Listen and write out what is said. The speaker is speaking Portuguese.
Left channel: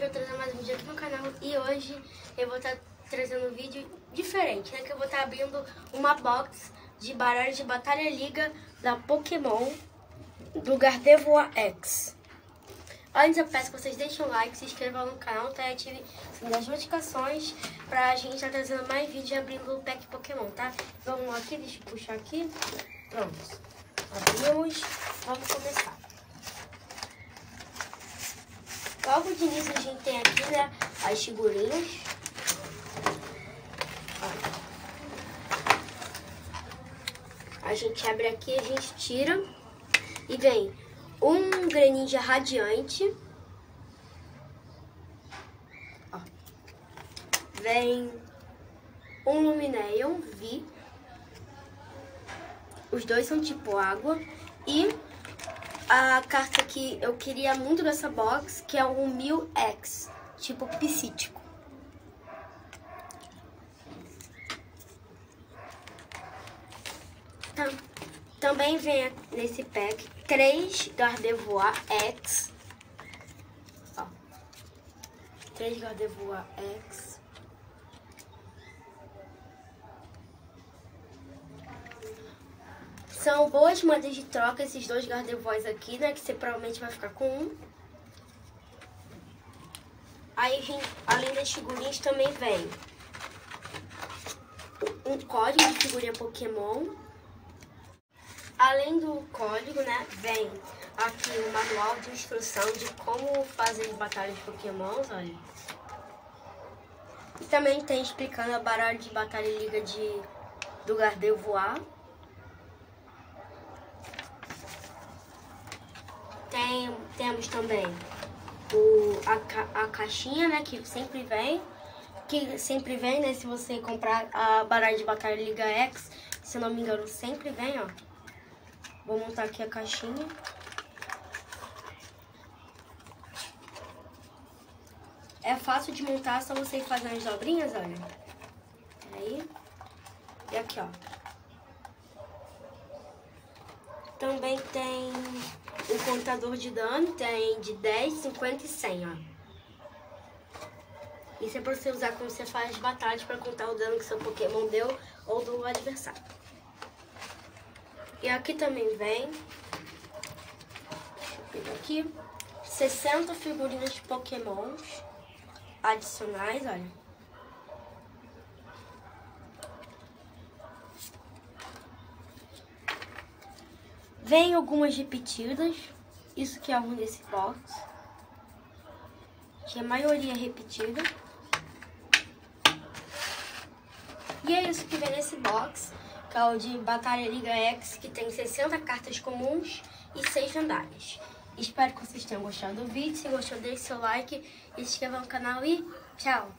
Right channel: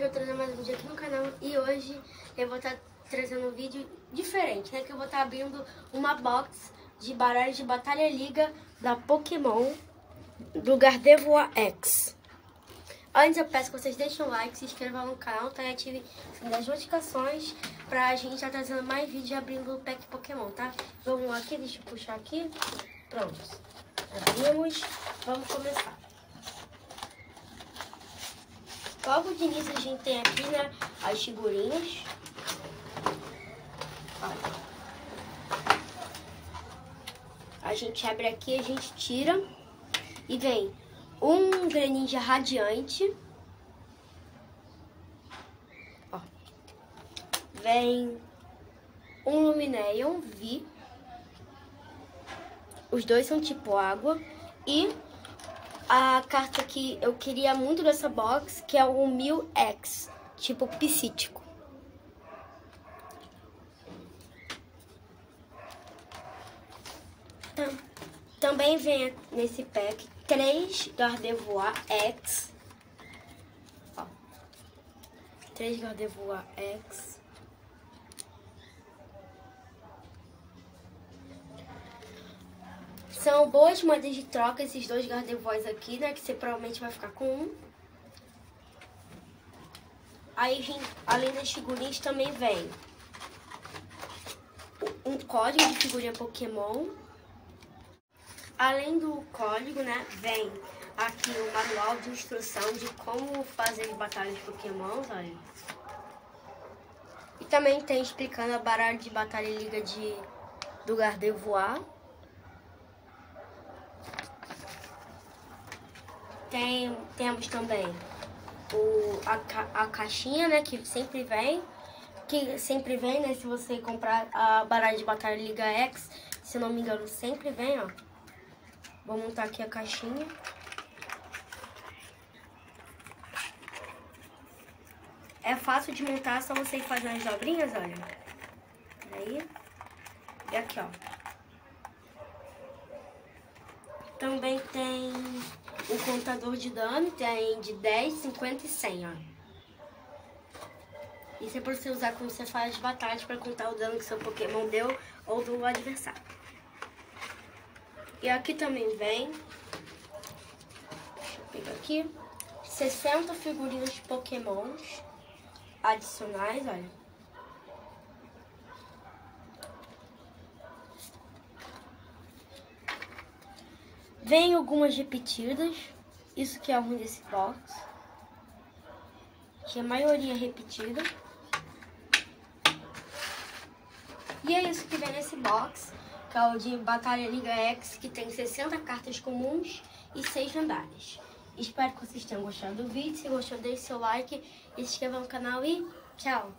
hoje eu vou trazer mais um vídeo aqui no canal e hoje eu vou estar trazendo um vídeo diferente, né? Que eu vou estar abrindo uma box de baralho de Batalha Liga da Pokémon do Gardevoir X. Antes eu peço que vocês deixem o like, se inscrevam no canal, tá? E ativem as notificações pra gente estar trazendo mais vídeos abrindo o pack Pokémon, tá? Vamos lá aqui, deixa eu puxar aqui. Pronto. Abrimos. Vamos começar. Logo de início a gente tem aqui, né, as figurinhas. Olha. A gente abre aqui, a gente tira e vem um Greninja Radiante. Ó. Vem um Lumineon V. Os dois são tipo água. E a carta que eu queria muito dessa box, que é o Mil-X, tipo psíquico. Também vem nesse pack 3 Gardevoir X. Ó, 3 Gardevoir X. São boas moedas de troca esses dois Gardevoirs aqui, né? Que você provavelmente vai ficar com um. Aí, além das figurinhas, também vem um código de figurinha Pokémon. Além do código, né? Vem aqui o manual de instrução de como fazer batalhas de Pokémon, olha. E também tem explicando a baralho de Batalha Liga do Gardevoir. Temos também a caixinha, né, que sempre vem, né, se você comprar a baralho de Batalha Liga X, se eu não me engano, sempre vem, ó. Vou montar aqui a caixinha. É fácil de montar, só você fazer as dobrinhas, olha. Peraí. E aqui, ó. Também tem o contador de dano, tem de 10, 50 e 100, ó. Isso é para você usar quando você faz batalhas para contar o dano que seu Pokémon deu ou do adversário. E aqui também vem, deixa eu pegar aqui, 60 figurinhas de Pokémons adicionais, olha. Vem algumas repetidas, isso que é ruim desse box, que a maioria é repetida. E é isso que vem nesse box, que é o de Batalha Liga X, que tem 60 cartas comuns e 6 lendárias. Espero que vocês tenham gostado do vídeo. Se gostou, deixe seu like e se inscreva no canal e tchau!